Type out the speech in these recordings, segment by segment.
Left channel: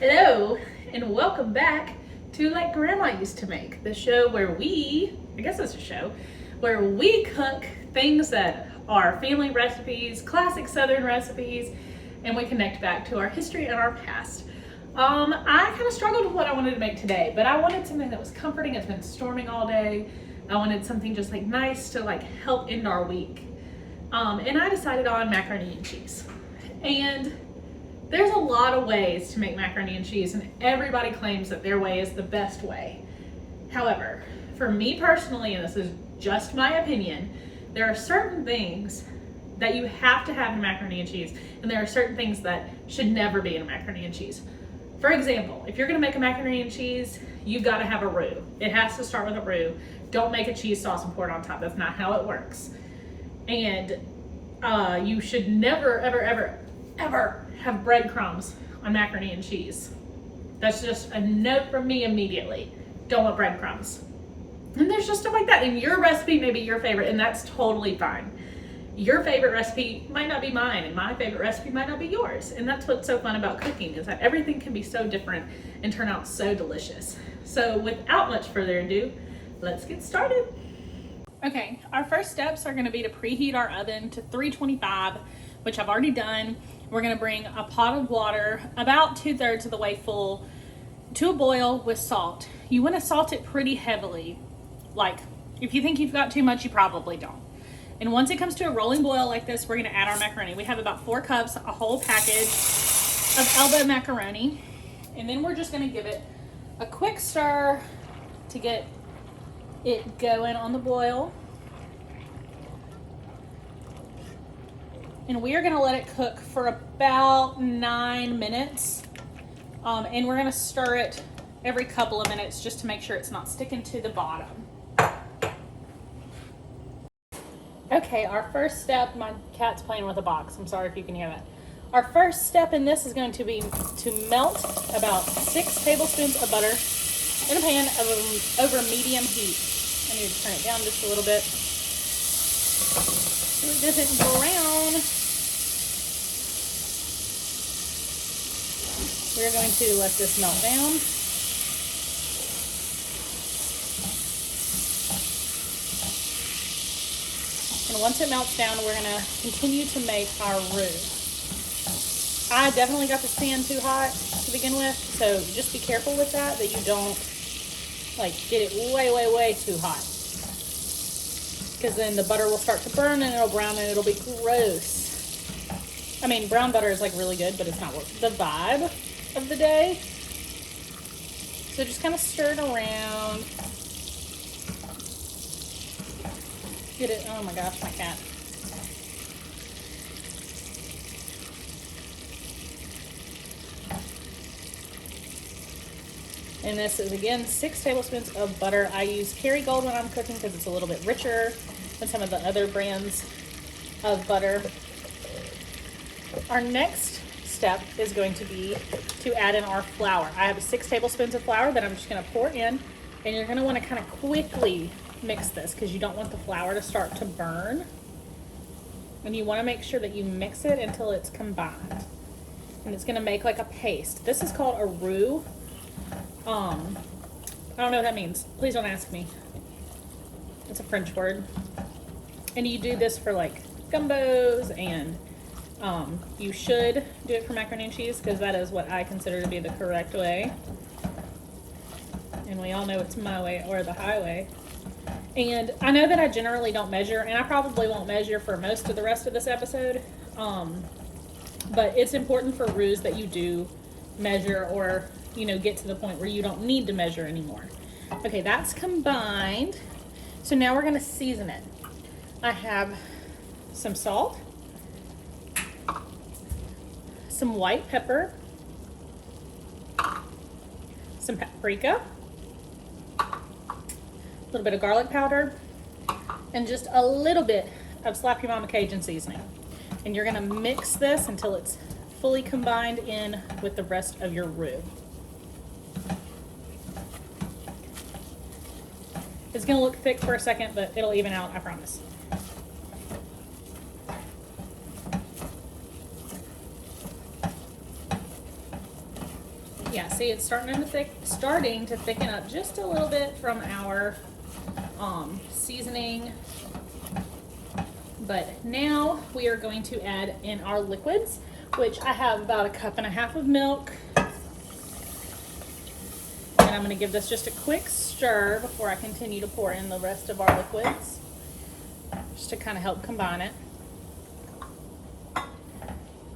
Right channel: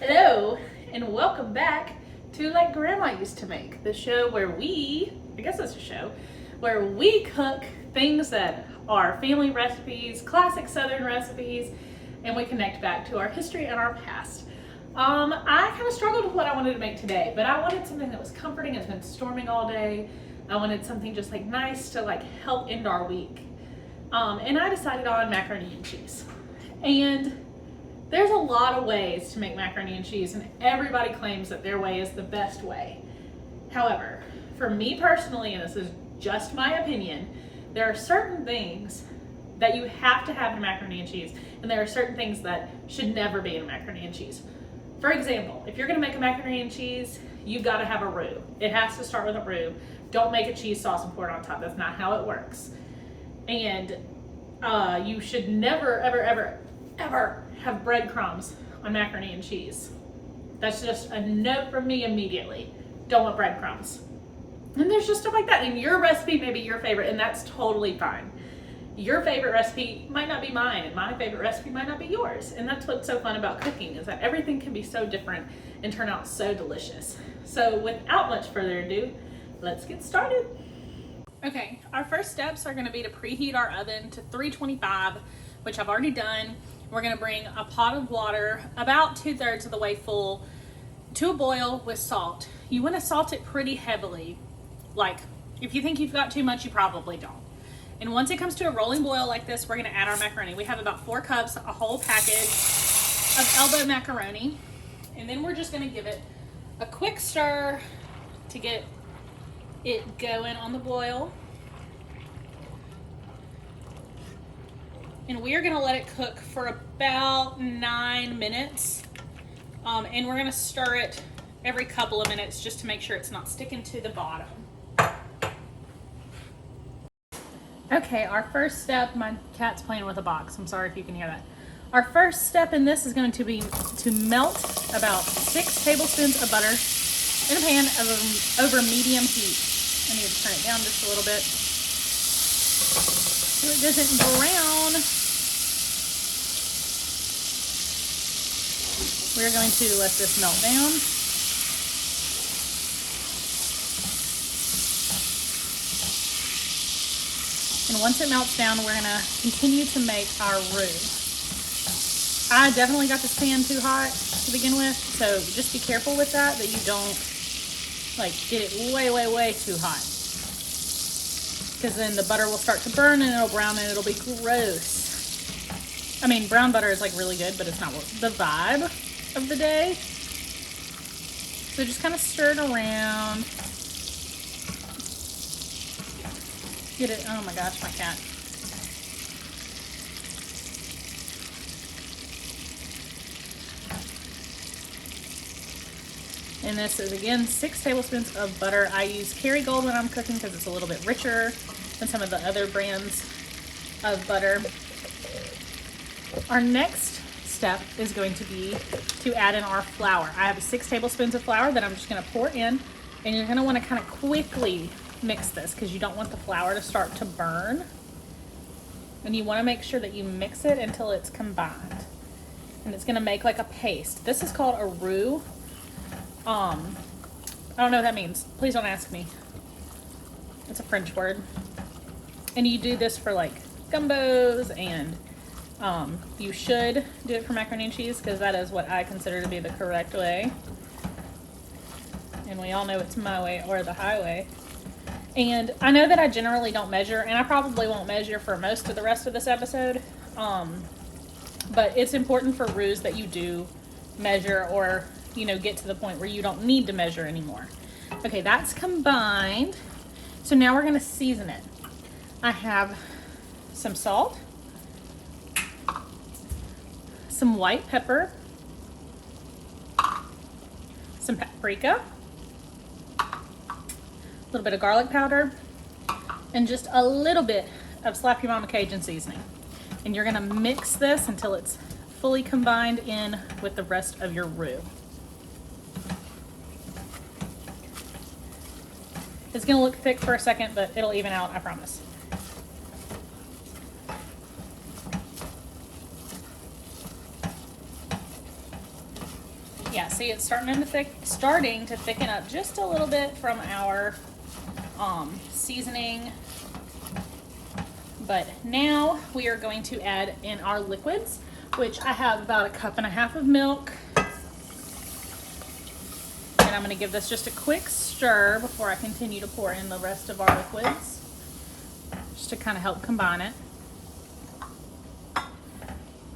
Hello, and welcome back to Like Grandma Used to Make, the show where I guess it's a show, where we cook things that are family recipes, classic Southern recipes, and we connect back to our history and our past. I kind of struggled with what I wanted to make today, but I wanted something that was comforting. It's been storming all day. I wanted something just like nice to like help end our week. And I decided on macaroni and cheese. And there's a lot of ways to make macaroni and cheese, and everybody claims that their way is the best way. However, for me personally, and this is just my opinion, there are certain things that you have to have in macaroni and cheese, and there are certain things that should never be in macaroni and cheese. For example, if you're gonna make a macaroni and cheese, you've gotta have a roux. It has to start with a roux. Don't make a cheese sauce and pour it on top. That's not how it works. And you should never, ever have breadcrumbs on macaroni and cheese. That's just a note from me immediately. Don't want breadcrumbs. And there's just stuff like that. And your recipe may be your favorite, and that's totally fine. Your favorite recipe might not be mine, and my favorite recipe might not be yours. And that's what's so fun about cooking, is that everything can be so different and turn out so delicious. So without much further ado, let's get started. Okay, our first steps are gonna be to preheat our oven to 325, which I've already done. We're gonna bring a pot of water about 2/3 of the way full to a boil with salt. You wanna salt it pretty heavily. Like, if you think you've got too much, you probably don't. And once it comes to a rolling boil like this, we're gonna add our macaroni. We have about 4 cups, a whole package of elbow macaroni. And then we're just gonna give it a quick stir to get it going on the boil. And we are gonna let it cook for about 9 minutes. And we're gonna stir it every couple of minutes just to make sure it's not sticking to the bottom. Okay, our first step, my cat's playing with a box. I'm sorry if you can hear that. Our first step in this is going to be to melt about 6 tablespoons of butter in a pan over medium heat. I need to turn it down just a little bit so it doesn't brown. We're going to let this melt down. And once it melts down, we're gonna continue to make our roux. I definitely got this pan too hot to begin with, so just be careful with that you don't like get it way too hot. Because then the butter will start to burn and it'll brown and it'll be gross. I mean, brown butter is like really good, but it's not the vibe of the day. So just kind of stir it around. Get it, oh my gosh, my cat. And this is again 6 tablespoons of butter. I use Kerrygold when I'm cooking because it's a little bit richer than some of the other brands of butter. Our next step is going to be to add in our flour. I have 6 tablespoons of flour that I'm just gonna pour in, and you're gonna wanna kind of quickly mix this because you don't want the flour to start to burn. And you wanna make sure that you mix it until it's combined. And it's gonna make like a paste. This is called a roux. I don't know what that means. Please don't ask me. It's a French word. And you do this for like gumbos, and you should do it for macaroni and cheese because that is what I consider to be the correct way. And we all know it's my way or the highway. And I know that I generally don't measure, and I probably won't measure for most of the rest of this episode. But it's important for roux that you do measure, or get to the point where you don't need to measure anymore. Okay, that's combined. So now we're gonna season it. I have some salt, some white pepper, some paprika, a little bit of garlic powder, and just a little bit of Slap Your Mama Cajun seasoning. And you're gonna mix this until it's fully combined in with the rest of your roux. It's gonna look thick for a second, but it'll even out, I promise. Yeah, see, it's starting to thicken up just a little bit from our seasoning. But now we are going to add in our liquids, which I have about 1.5 cups of milk. And I'm going to give this just a quick stir before I continue to pour in the rest of our liquids, just to kind of help combine it.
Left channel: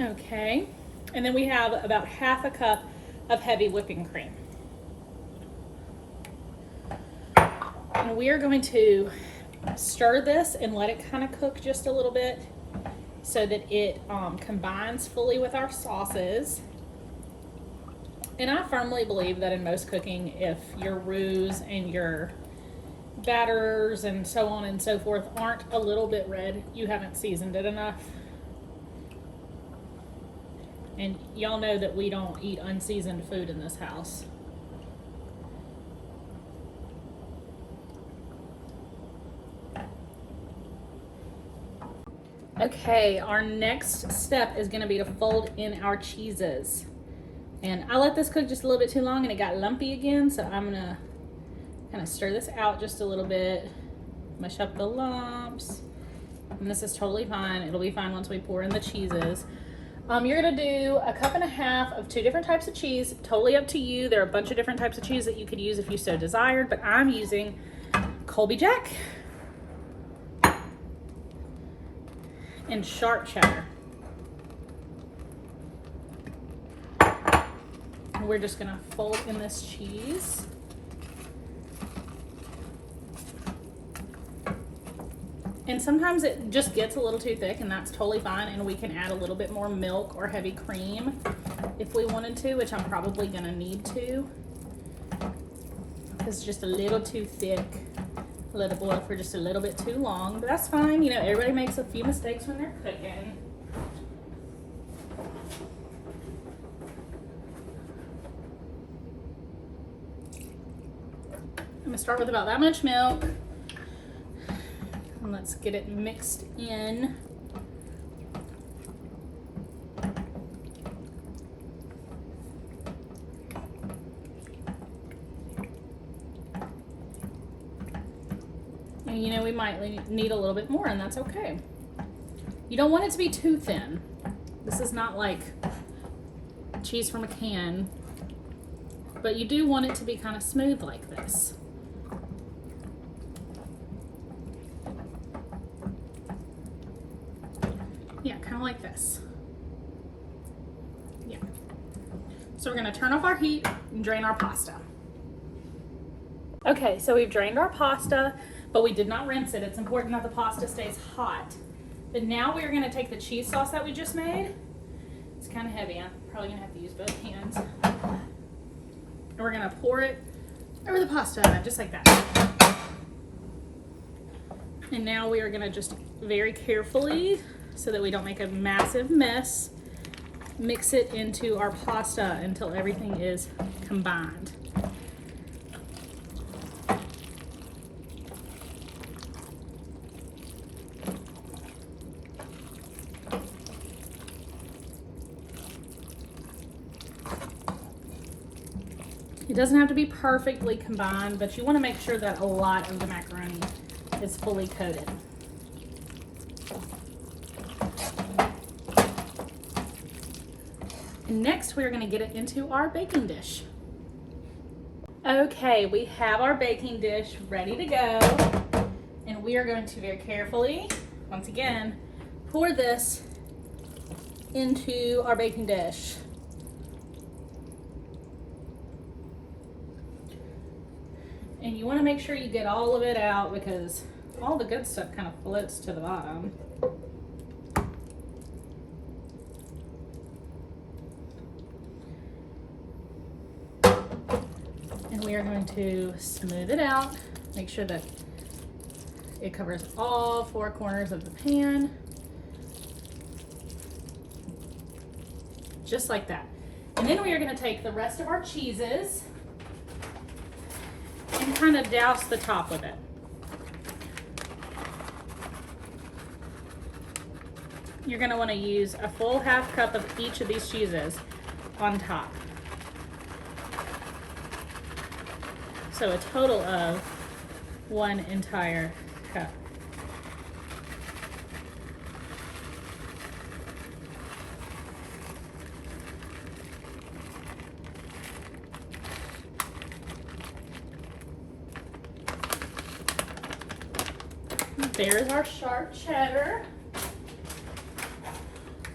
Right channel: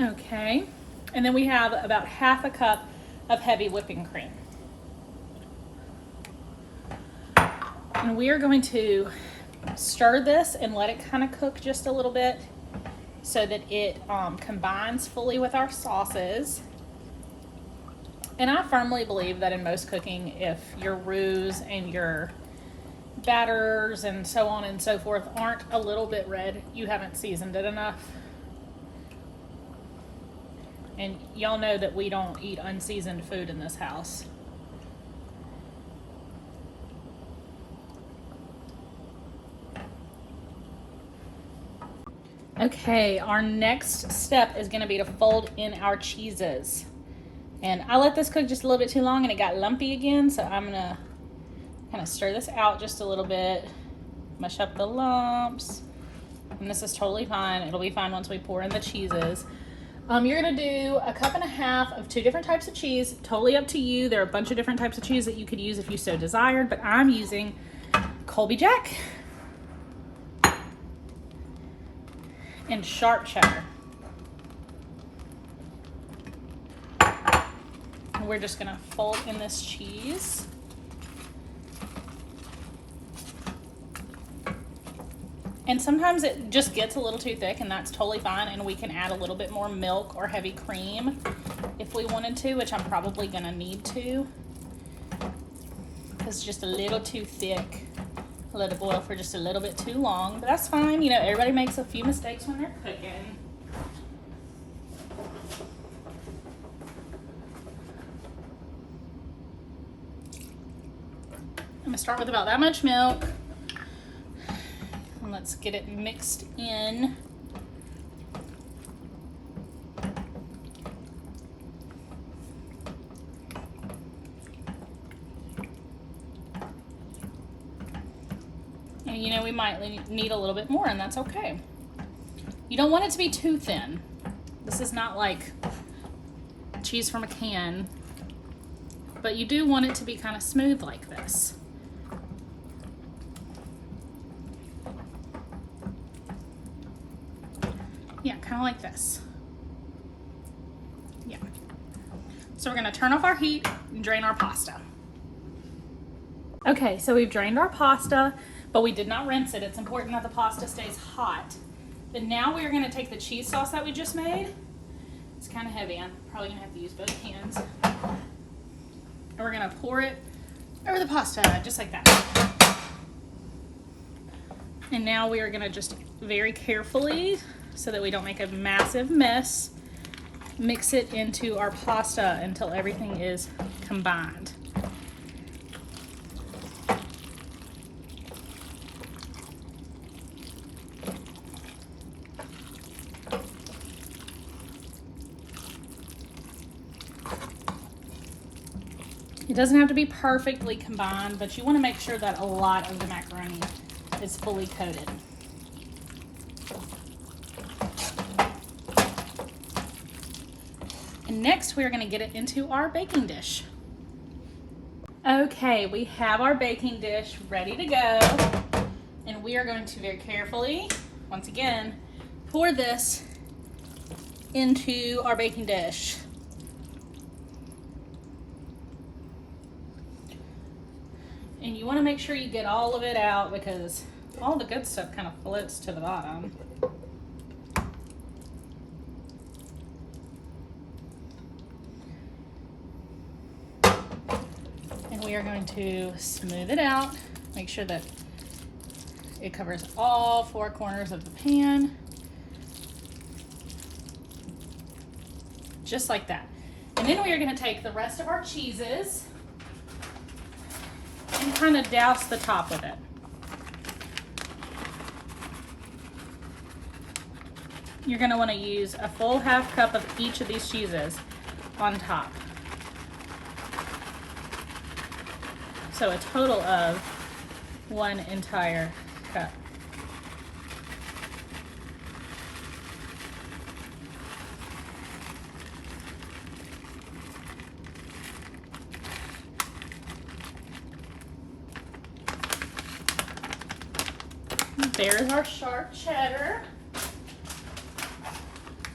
Okay, and then we have about 1/2 cup of heavy whipping cream. And we are going to stir this and let it kind of cook just a little bit so that it combines fully with our sauces. And I firmly believe that in most cooking, if your roux and your batters and so on and so forth aren't a little bit red, you haven't seasoned it enough. And y'all know that we don't eat unseasoned food in this house. Okay, our next step is going to be to fold in our cheeses. And I let this cook just a little bit too long and it got lumpy again, so I'm going to kind of stir this out just a little bit, mush up the lumps. And this is totally fine. It'll be fine once we pour in the cheeses. You're going to do 1.5 cups of 2 different types of cheese. Totally up to you. There are a bunch of different types of cheese that you could use if you so desired, but I'm using Colby Jack and sharp cheddar. And we're just going to fold in this cheese. And sometimes it just gets a little too thick, and that's totally fine, and we can add a little bit more milk or heavy cream if we wanted to, which I'm probably gonna need to. It's just a little too thick. Let it boil for just a little bit too long, but that's fine. You know, everybody makes a few mistakes when they're cooking. I'm gonna start with about that much milk. And let's get it mixed in. And you know, we might need a little bit more, and that's okay. You don't want it to be too thin. This is not like cheese from a can, but you do want it to be kind of smooth like this. Yeah, kind of like this. Yeah. So we're going to turn off our heat and drain our pasta. Okay, so we've drained our pasta, but we did not rinse it. It's important that the pasta stays hot. But now we are going to take the cheese sauce that we just made. It's kind of heavy. I'm probably going to have to use both hands. And we're going to pour it over the pasta, just like that. And now we are going to just very carefully, so that we don't make a massive mess, mix it into our pasta until everything is combined. It doesn't have to be perfectly combined, but you want to make sure that a lot of the macaroni is fully coated. And next, we're going to get it into our baking dish. Okay, we have our baking dish ready to go. And we are going to very carefully, once again, pour this into our baking dish. And you want to make sure you get all of it out, because all the good stuff kind of floats to the bottom. And we are going to smooth it out, make sure that it covers all 4 corners of the pan. Just like that. And then we are going to take the rest of our cheeses and kind of douse the top of it. You're going to want to use a full 1/2 cup of each of these cheeses on top. So a total of 1 entire cup. There's our sharp cheddar.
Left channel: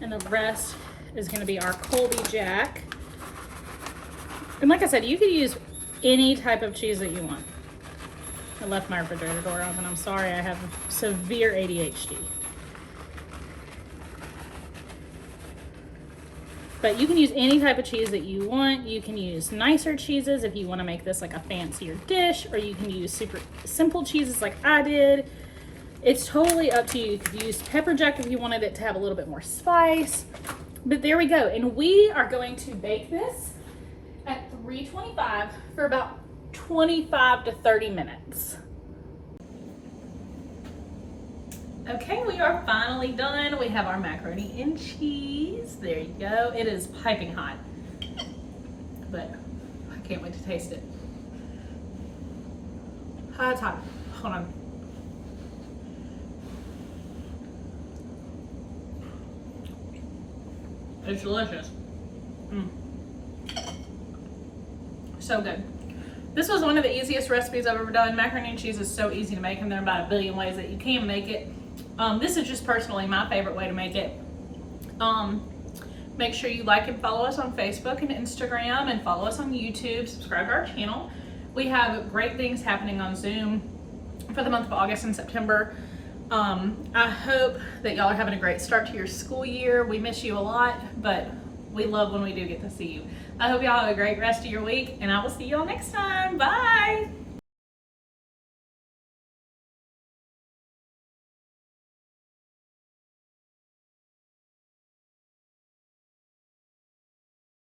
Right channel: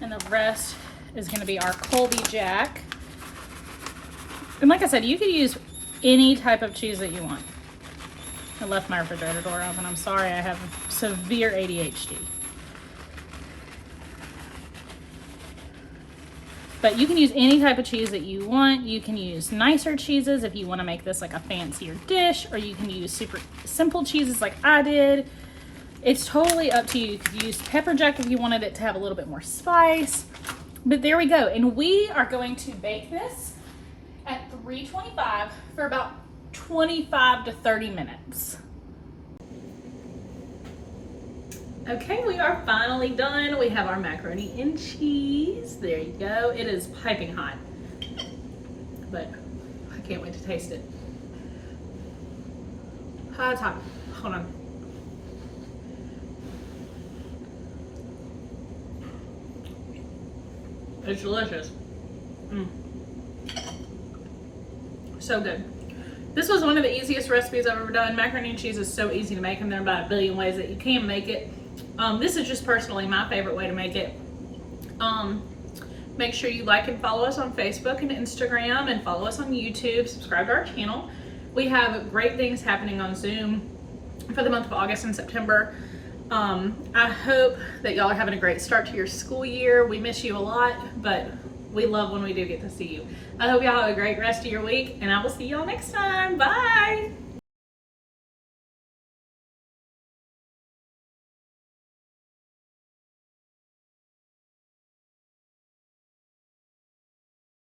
And the rest is going to be our Colby Jack. And like I said, you could use any type of cheese that you want. I left my refrigerator door open. I'm sorry, I have severe ADHD. But you can use any type of cheese that you want. You can use nicer cheeses if you want to make this like a fancier dish, or you can use super simple cheeses like I did. It's totally up to you. You could use pepper jack if you wanted it to have a little bit more spice. But there we go. And we are going to bake this at 325 for about 25 to 30 minutes. Okay, we are finally done. We have our macaroni and cheese. There you go. It is piping hot, but I can't wait to taste it. It's hot. Hold on. It's delicious. So good. This was one of the easiest recipes I've ever done. Macaroni and cheese is so easy to make, and there are about a billion ways that you can make it. This is just personally my favorite way to make it. Make sure you like and follow us on Facebook and Instagram, and follow us on YouTube. Subscribe to our channel. We have great things happening on Zoom for the month of August and September. I hope that y'all are having a great start to your school year. We miss you a lot, but we love when we do get to see you. I hope y'all have a great rest of your week, and I will see y'all next time. Bye.